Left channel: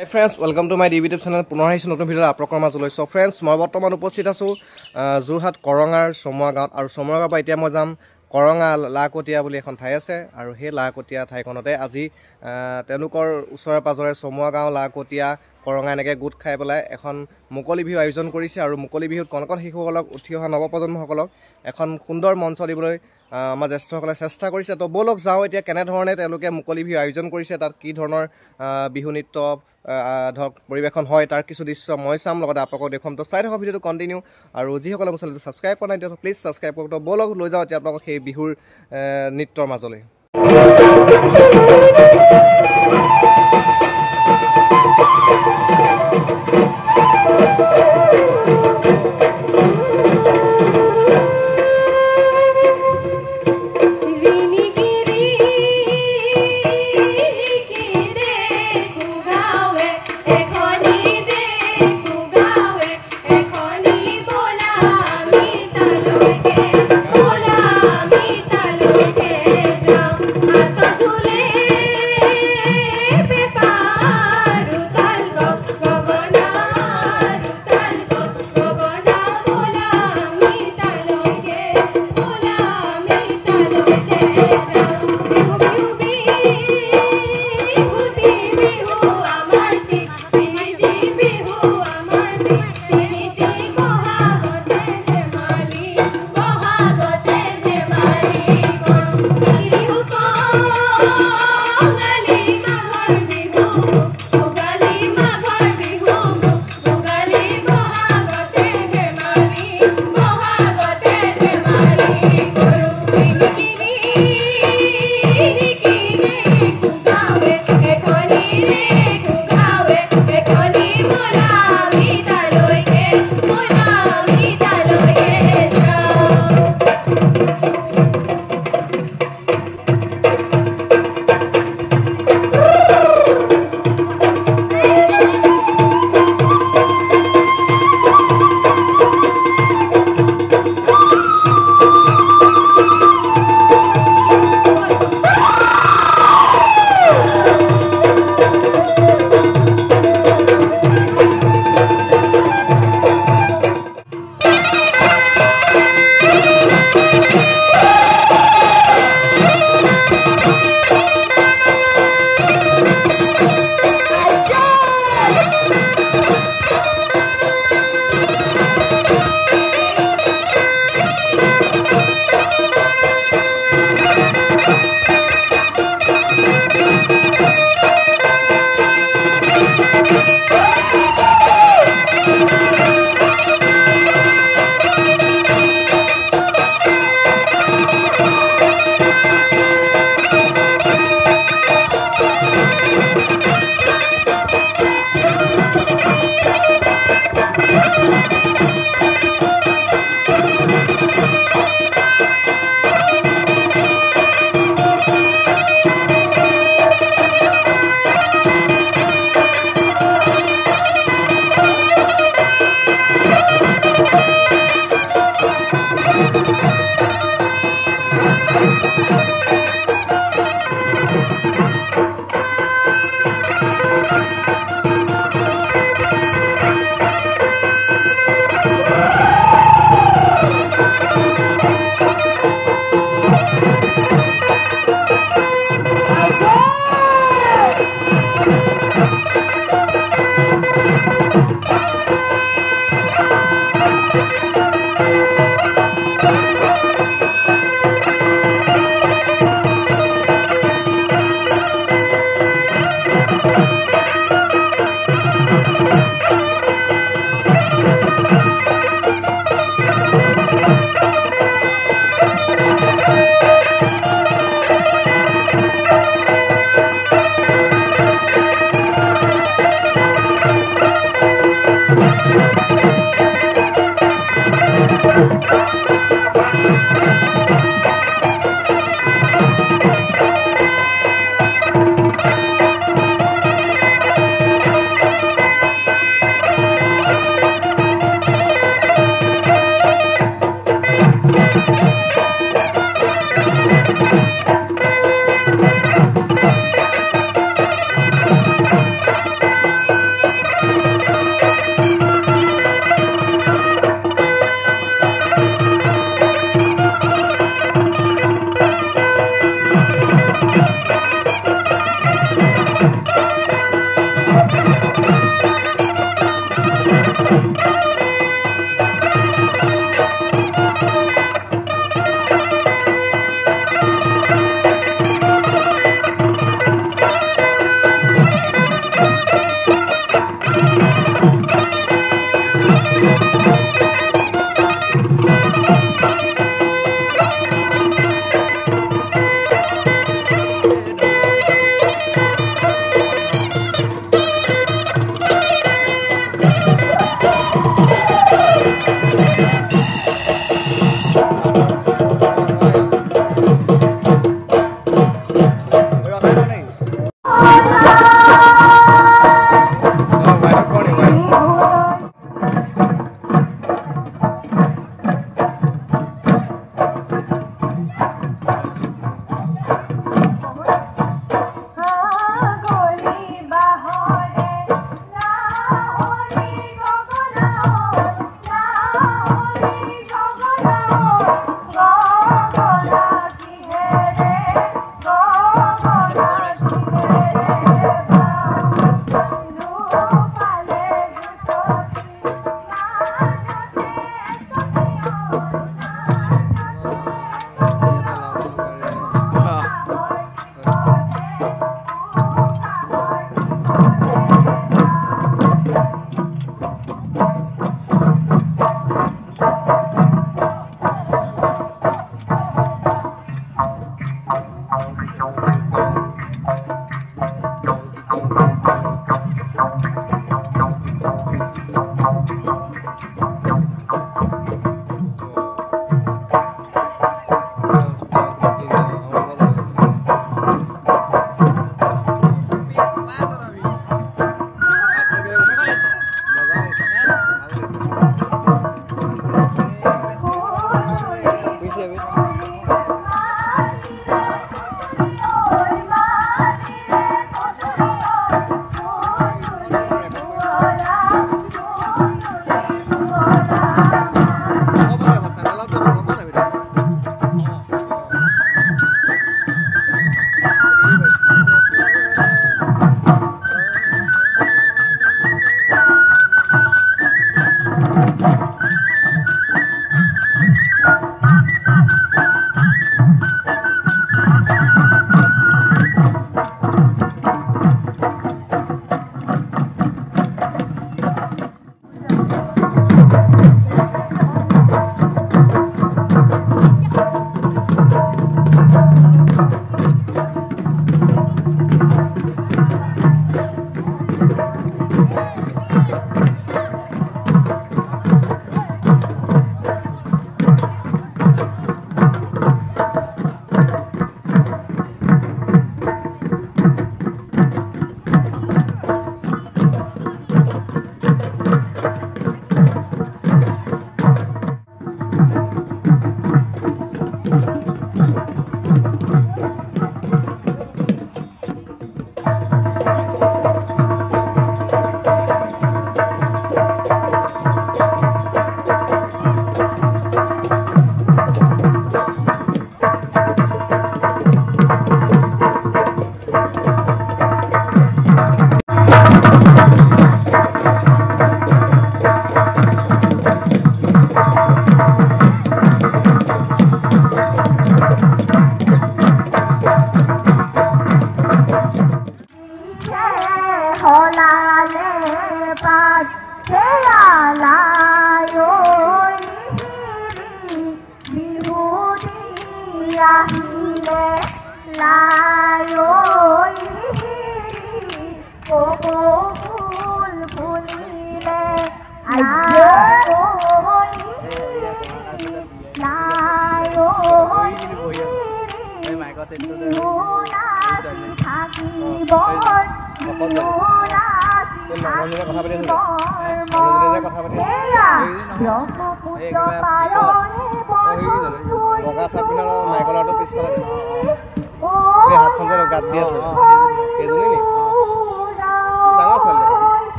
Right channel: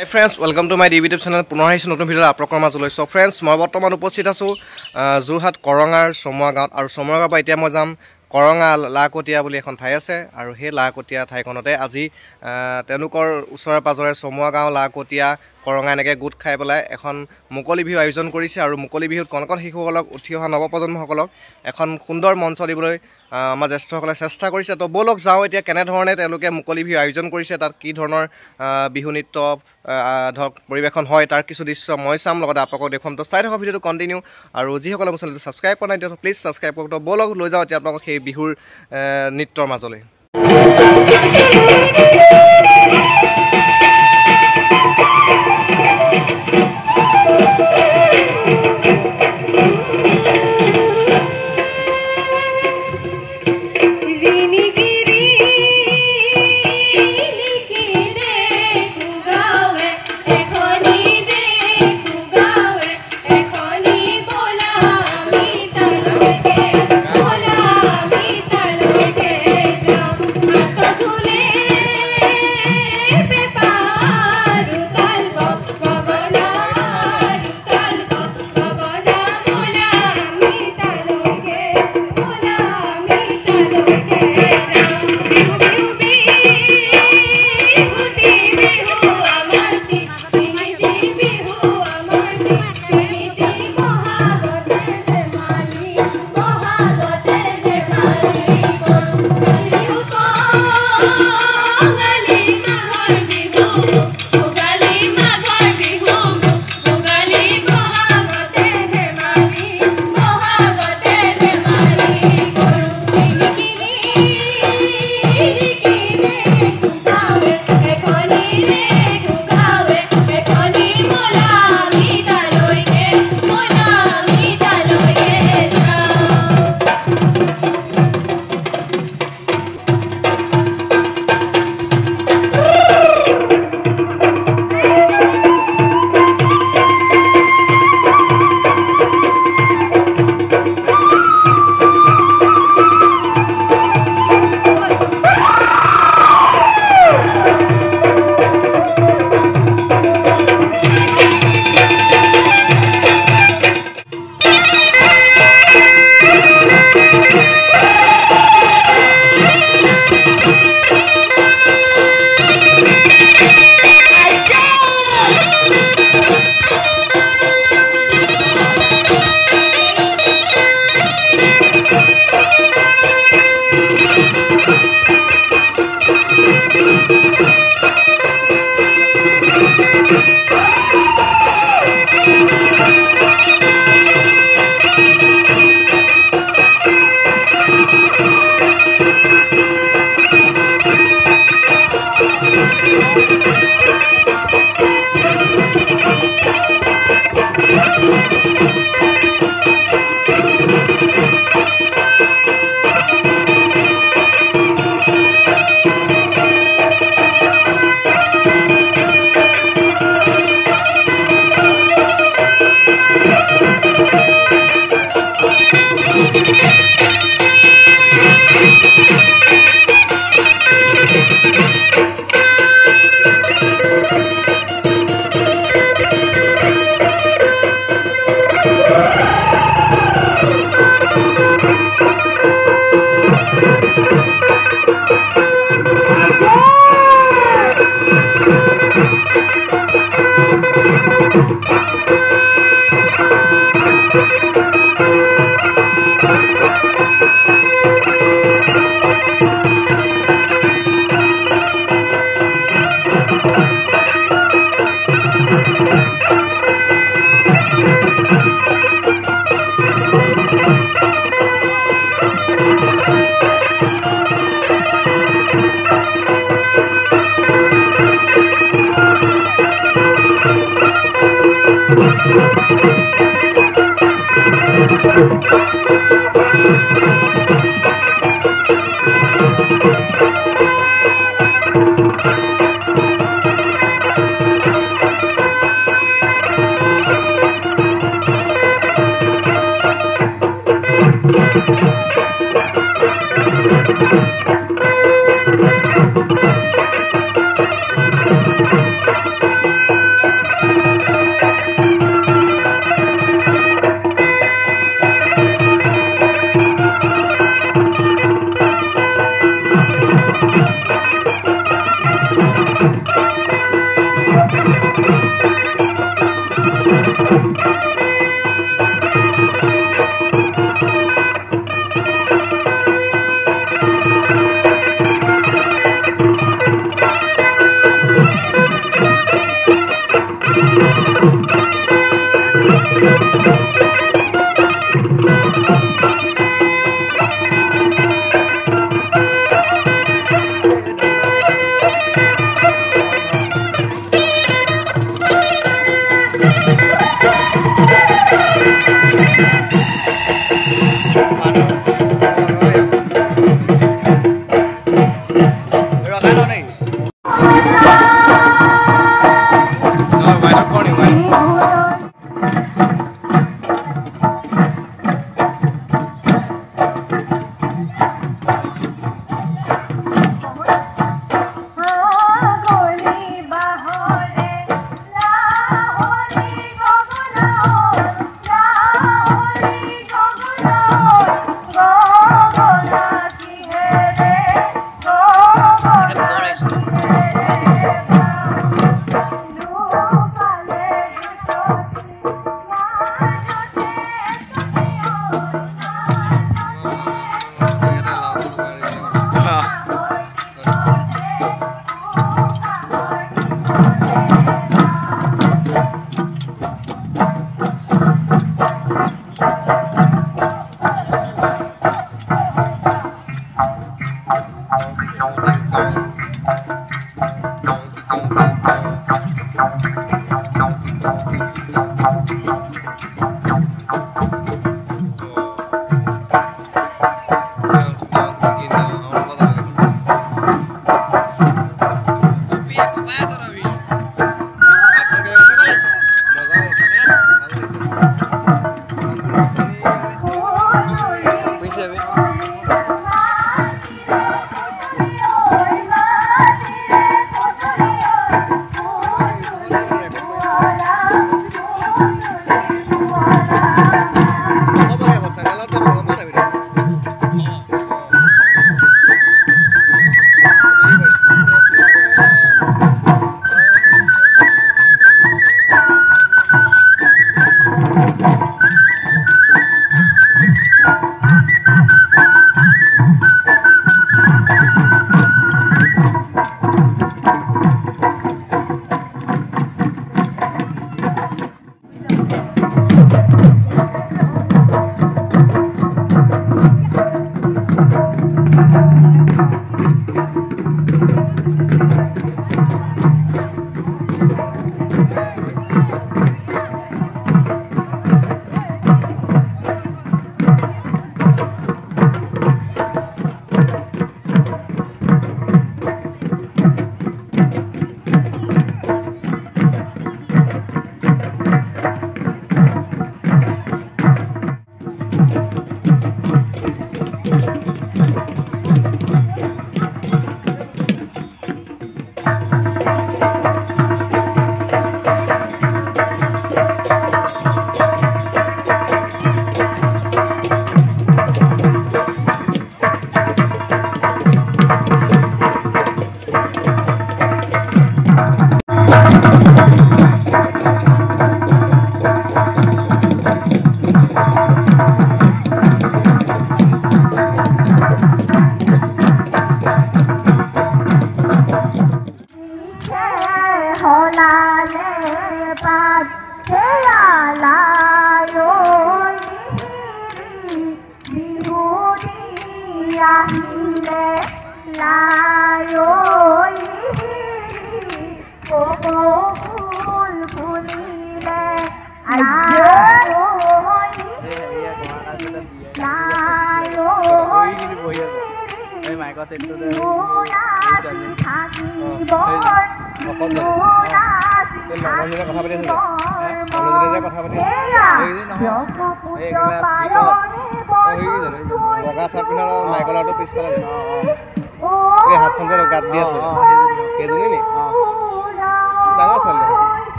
Hi friends, welcome to my YouTube channel. পুনৰ আহিছো নতুন ভিডিঅ' আপোনালোকৰ মাজলৈ। সো ফ্ৰেন্ডছ, মই বৰ্তমান উপস্থিত আছো যোৰহাট কৰঙাৰ সমুৱা গাঁৱত আৰু সমুৱা গাঁৱৰ পৰা এতিয়া মই যাম কৰঙা লাকতিয়া বুলি এখন ঠাই আছে আৰু সেই লাকতিয়া ঠাইখনতে আজি তেওঁলোকৰ ওচৰে পাজৰে সমুৱা গাঁও লাকতিয়া কৰঙা এনেকৈ গোট খাই পেলাই এখন মুকলি বিহু আয়োজন কৰিছে আৰু মুকলি বিহুত কণ কণ শিশুসকলক উঠি অহা নৱপ্ৰজন্মসকলক এখন সুন্দৰ মঞ্চ দিবলৈ আমাৰ জ্যেষ্ঠসকলে চেষ্টা কৰিছে। তো ব'লক যাওঁ এতিয়া কেনেধৰণে তেওঁলোকে মুকলি বিহু আয়োজন কৰিছে, তাত কি ধৰণৰ বিহু নৃত্য ধৰক পৰিৱেশন হয় তাৰ কিছু দৃশ্য মই চাম, লগতে আপোনালোকক দেখুৱাম। তো চাই থকা ভিডিঅ'টো কণ্টিনিউ আৰু যিসকলে মোৰ চেনেলটো ছাবস্ক্ৰাইব কৰা নাই তেতিয়া প্লিজ ছাবস্ক্ৰাইব কৰক। তো ব'লক লৈ যাওঁ এতিয়া আপোনালোকক সেই বিহুৰ নৃত্যৰ মাজলৈ।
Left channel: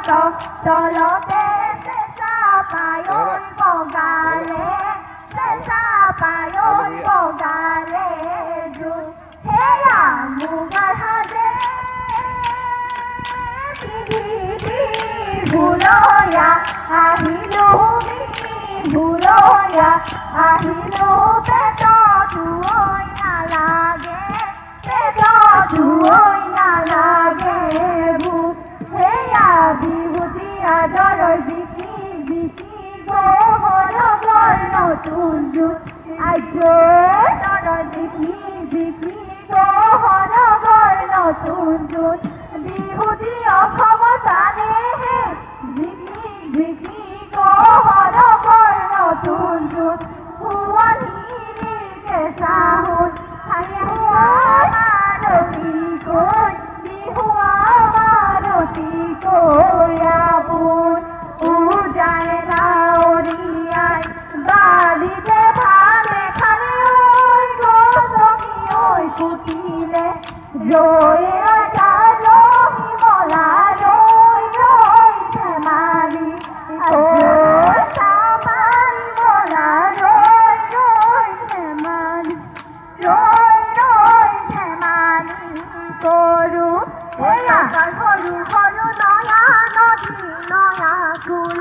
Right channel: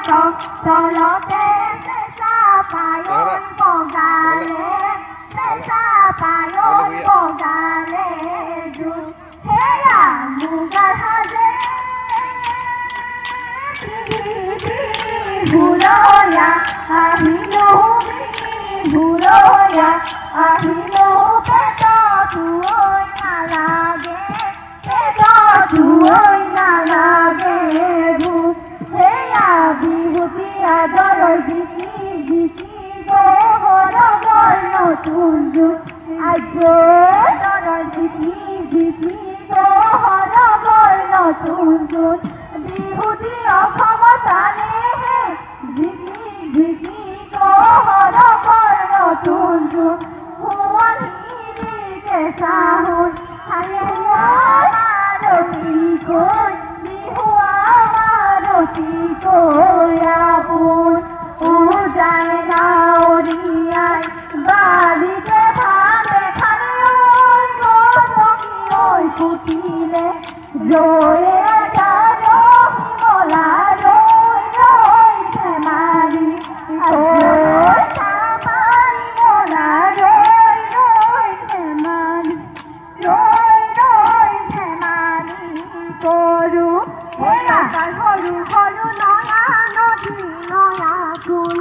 তলতে চেঁচা পায়ন বগালে চেঁচা পায়ন বগালে সেয়া মুগাৰ সাজে ভুলয়া আহিলো ভুলয়া আহিলো পেটতো নালাগে পেটতো নালাগে ভূত সেয়া বিভূতি আদৰ জিকি জিকি গহৰ নতুন যুগ আজৰ জিকি জিকি গহৰ নতুন যুগ বিভূতি অসমতাৰে জিকি জিকি গহৰ নতুন যুগ শুৱনি কেঁচা সোণ আৰতি কৈ বিহু আৰতি কৈ আপোন উজাই গাঁৱৰীয়াই বালিতে ভালে খালে ঐ পুতিলে ৰৈ এটা ৰহিমলা ৰৈ ৰৈ ধেমালি মাৰিমলা ৰৈ ৰৈ ধেমালি ৰৈ ৰৈ ধেমালি কৰোঁ সৰু সৰু নয়া নদী নয়া কুল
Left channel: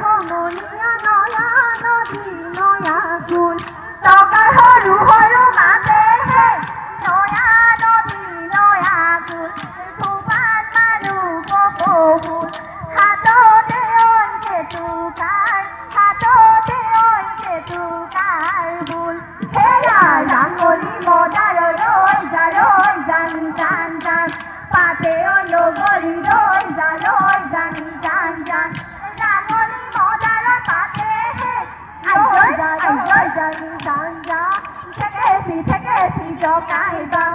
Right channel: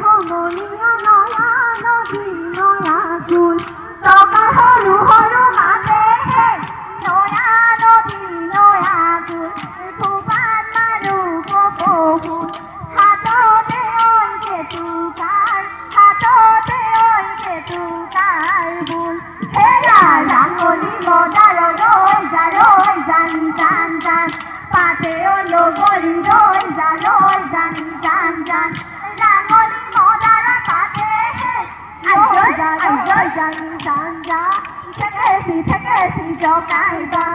সমনীয়া নয়া নদী নয়া কুল টকা সৰু সৰু মাতেহে নয়া নদী নয়া কুল ফুপাত মাৰো কপৌফুল হাততে কেতুকাৰ হাততে কেতুকাৰ বোল সেয়া ৰাঙলী মদাৰ ৰৈ জানি জান জান পাতে লগৰী ৰৈ জানি জান জান ৰাঙলী মদাৰ পাতে জানি জান জান থেকেচি জকাইবা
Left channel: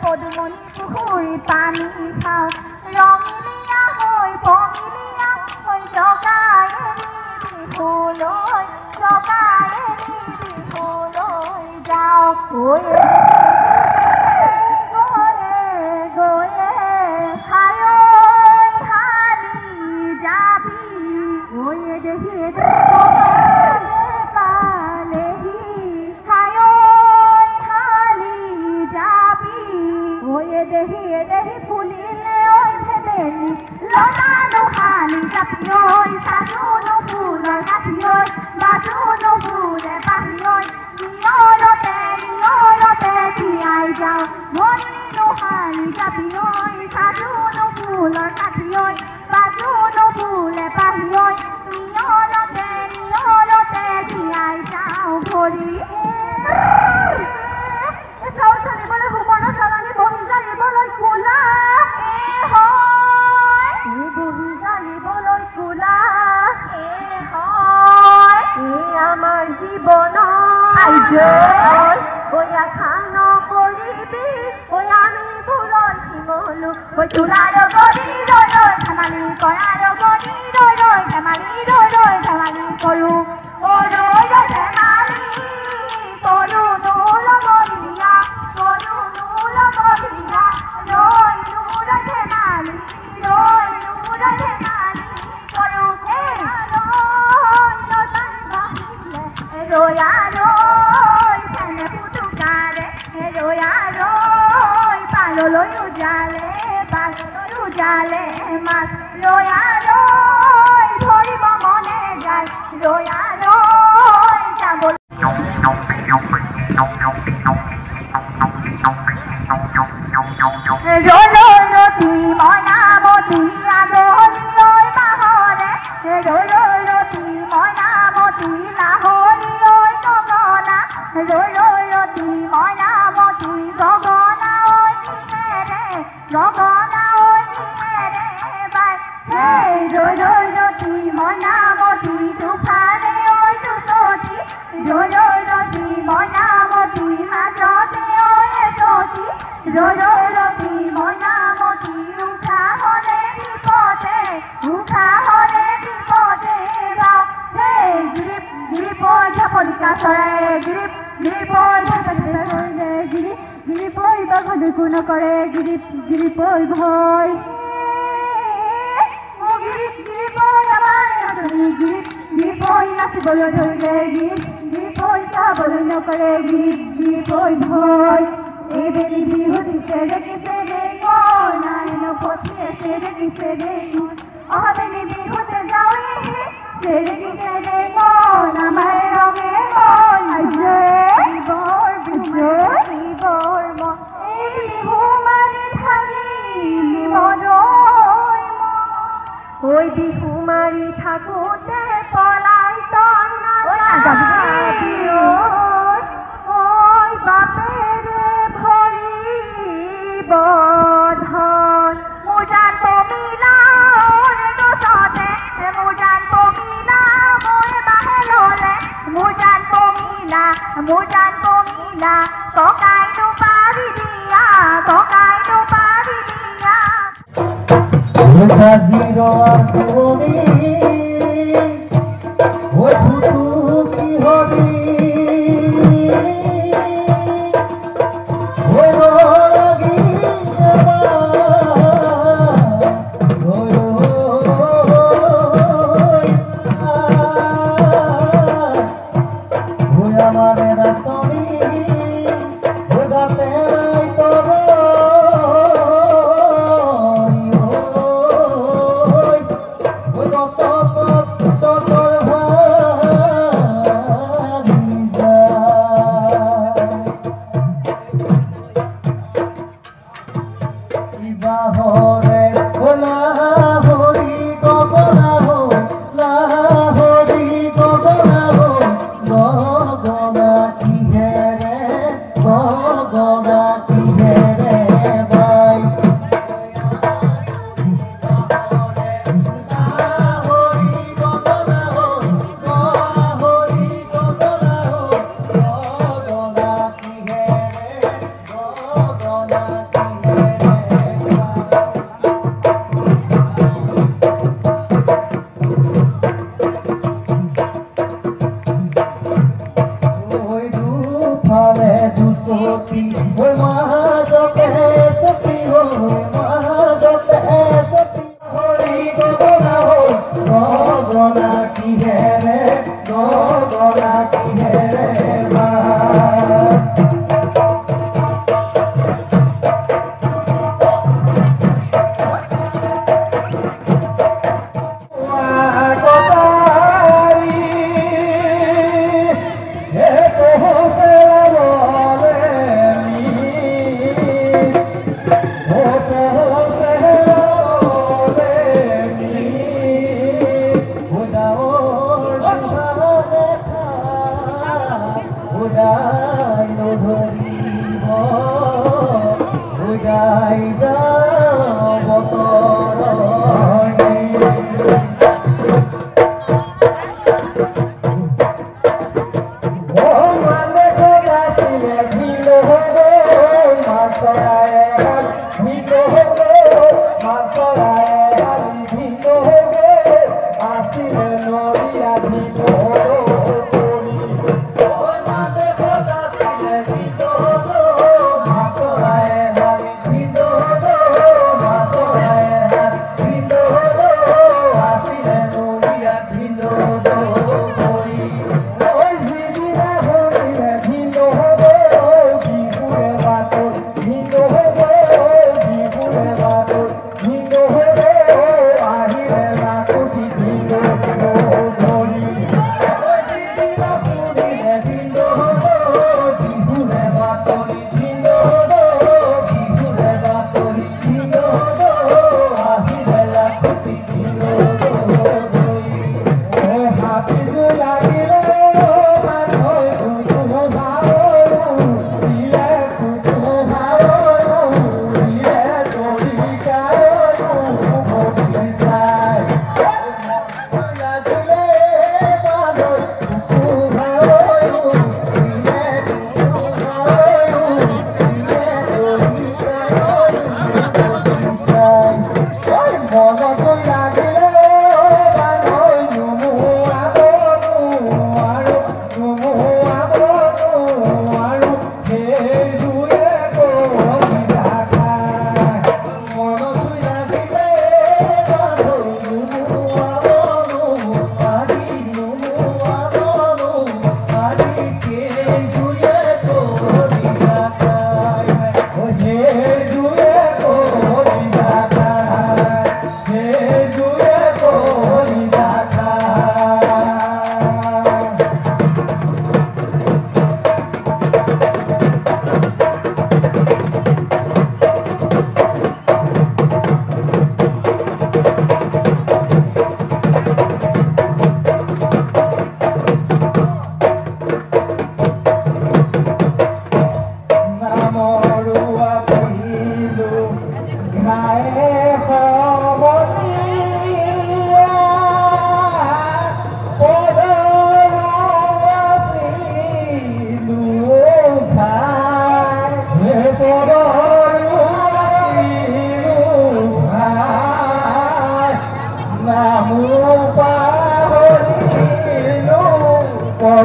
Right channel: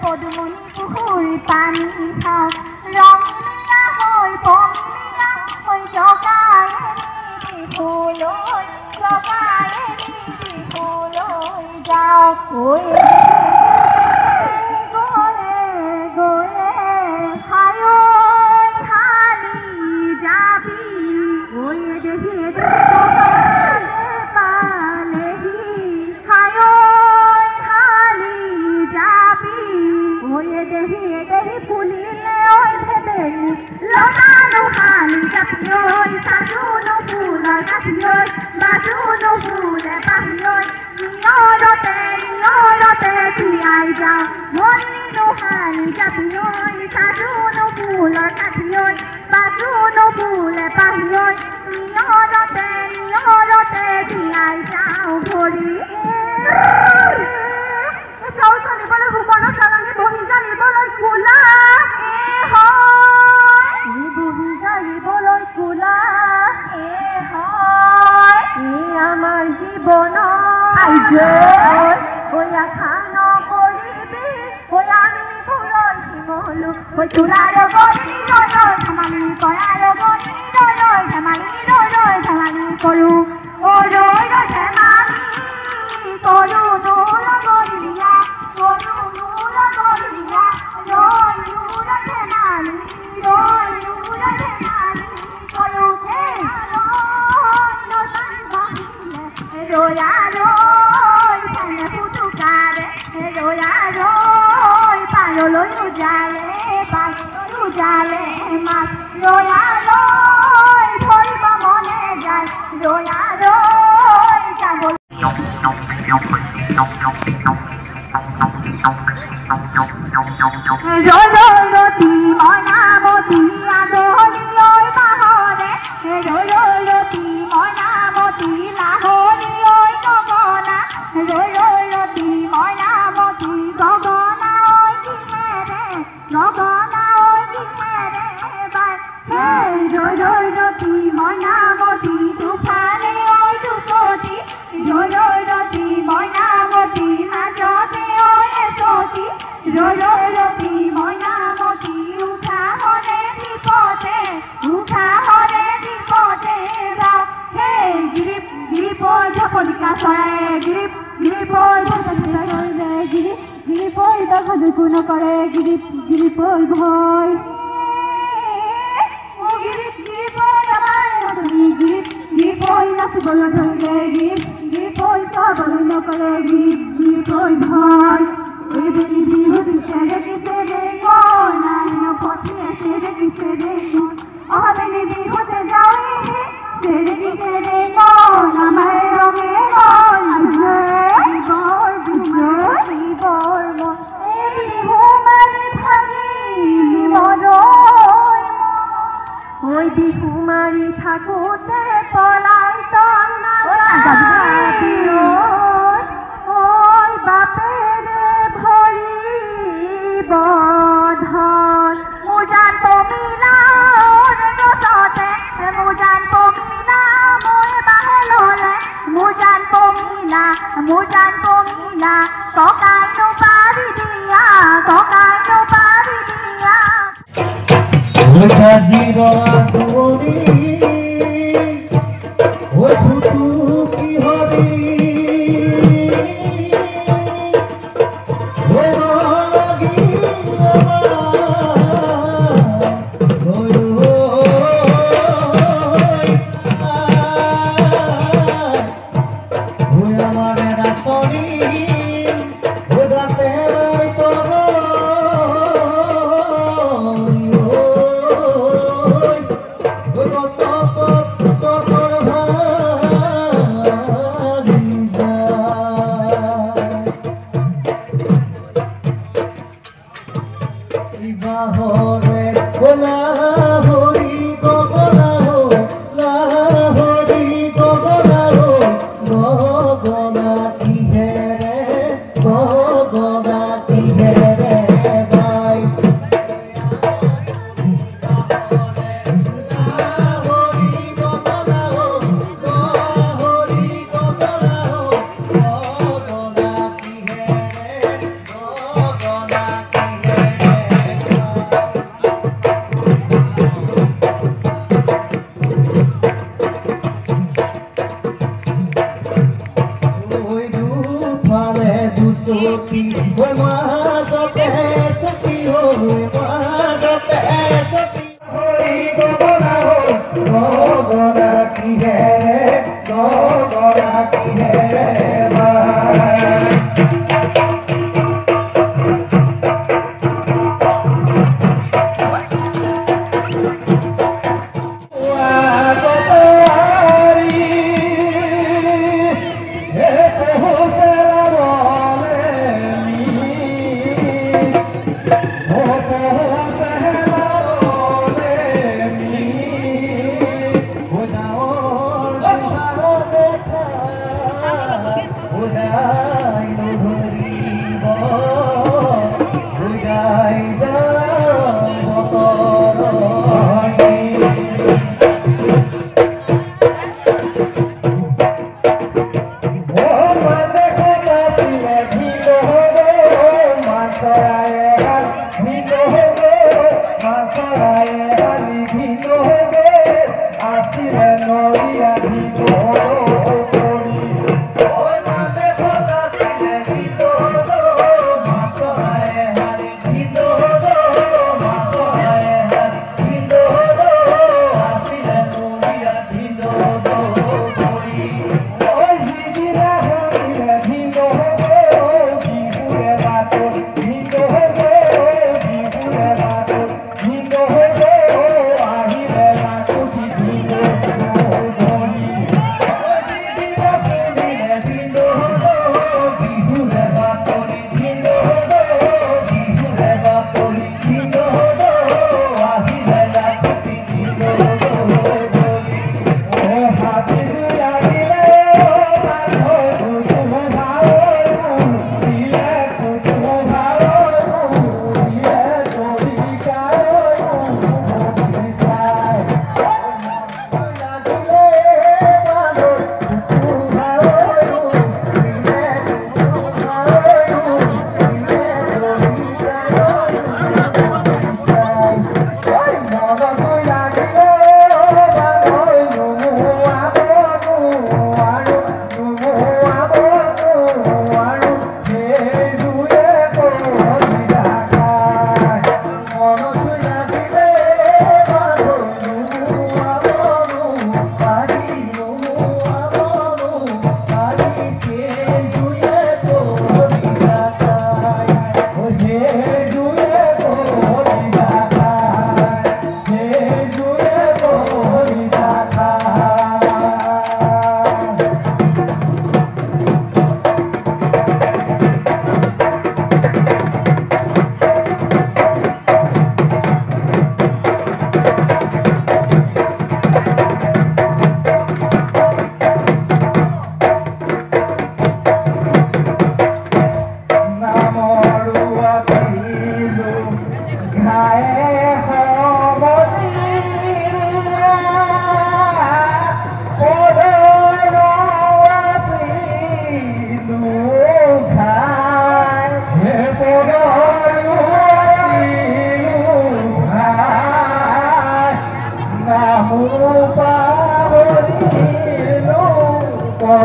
পদুমণি পুখুৰী পানী খাওঁ ৰঙিলীয়া হৈ পঙিলীয়া হৈ জকায়ে বিহুলৈ যাওঁ চাবলৈ ধৰিলে গীত হৈ চাবলৈ নকৰে গীত হৈ ভয় এইবেলি বিহু দিছে দেখিছে দেই মন নাই নপঠি আছে দেখিছে দেই মন অহাবেলি বিহুতে যাওঁহে দেখিছে দেই মন আমাৰ ৰঙে মন বৰ এই বিহু মাৰি থাকিব ঐ বিহু মাৰি থাকোঁতে পলাই তই নাযাবি ঐ বাপেৰে ভৰিব ধন মোৰ জান পমিলা গছতে মোৰ জান পমিলা মই বাহললে মোৰ জান পমিলা ককাই নোপাৰি দিয়া কাজিৰ আগুনি ঐ ফুটু কিহৰি ঐ ৰগী আমাৰ দাসনী গাতে নাই তোৰ ওই দশ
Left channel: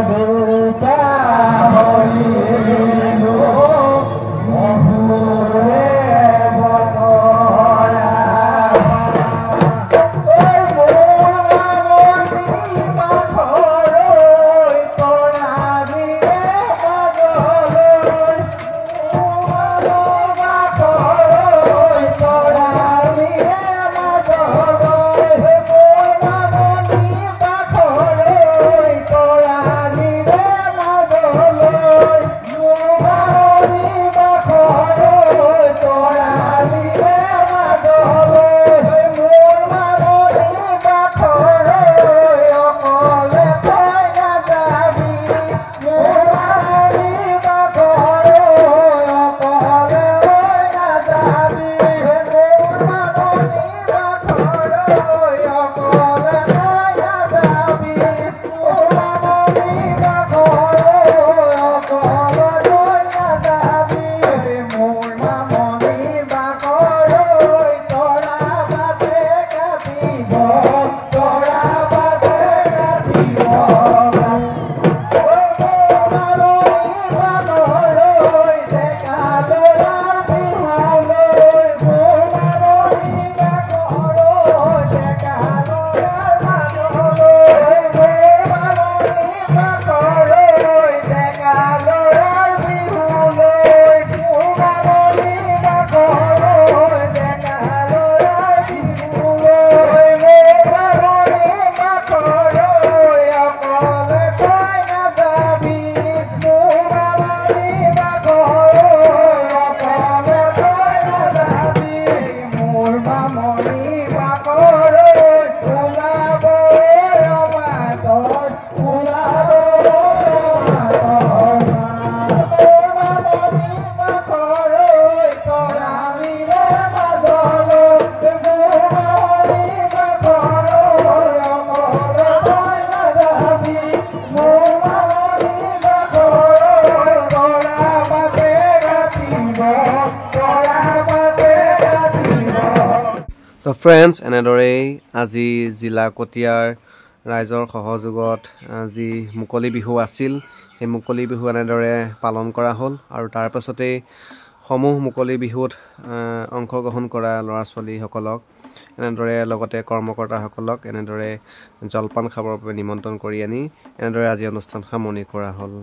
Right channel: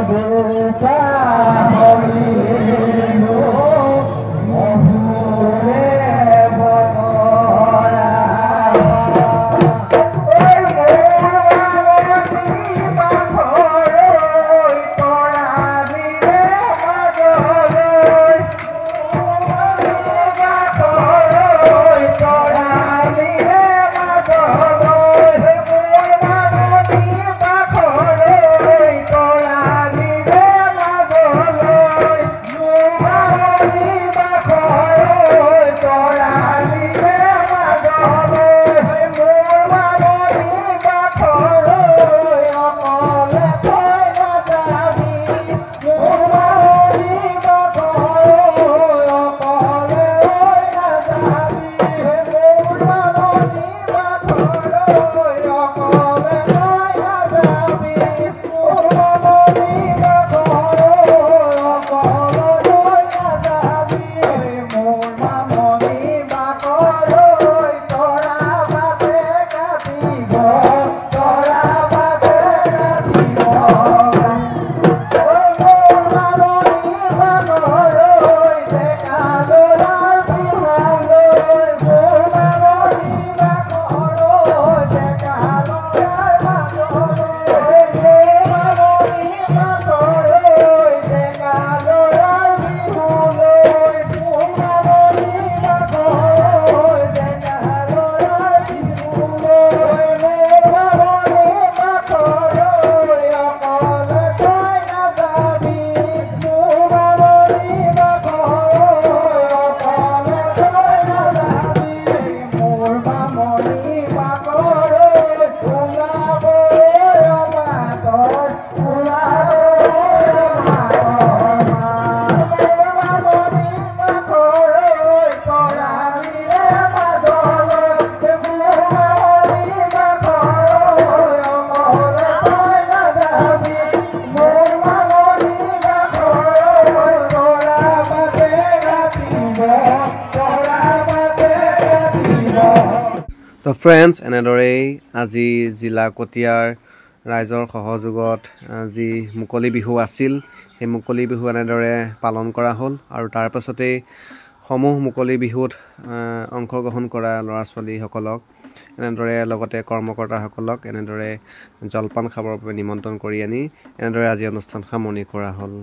দেউতা হৰিলো অহুৰে বৰা তো ফ্ৰেণ্ডছ এনেদৰেই আজি জিলা কটীয়াৰ ৰাইজৰ সহযোগত যি মুকলি বিহু আছিল সেই মুকলি বিহু এনেদৰে পালন কৰা হ'ল আৰু তাৰ পাছতেই সমূহ মুকলি বিহুত অংশগ্ৰহণ কৰা ল'ৰা ছোৱালীসকলক এনেদৰে লগতে কৰ্মকৰ্তাসকলক এনেদৰে জলপান খাবৰ বাবে নিমন্ত্ৰণ কৰি আনি এনেদৰে আজি অনুষ্ঠান সামৰণি কৰা হ'ল।